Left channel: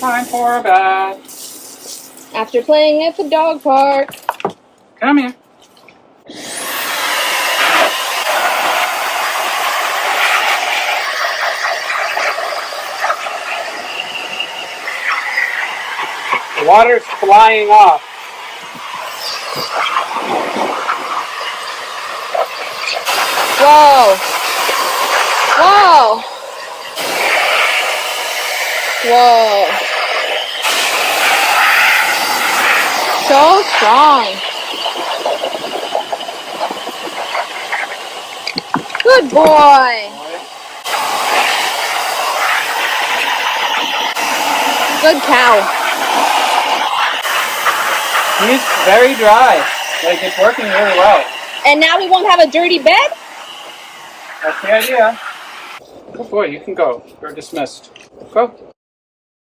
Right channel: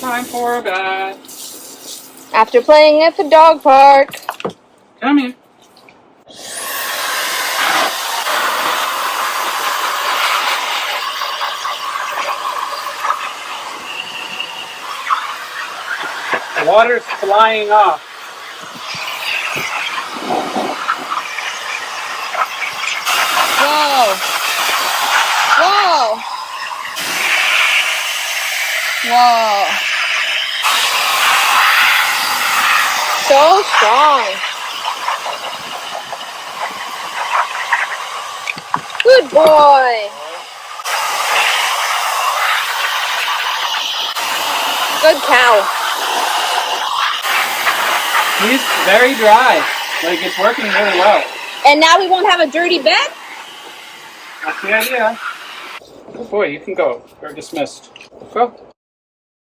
Time for a bath. After playing at the dog park. Come here. The water's flying off. Whoa! Whoa! Whoa! So strong. Good boy. Good cow. He's very dry. Like, it's working really well. And now we won't have a dirty bed? That's the idea. Good boy, you can go. You're dismissed. Go.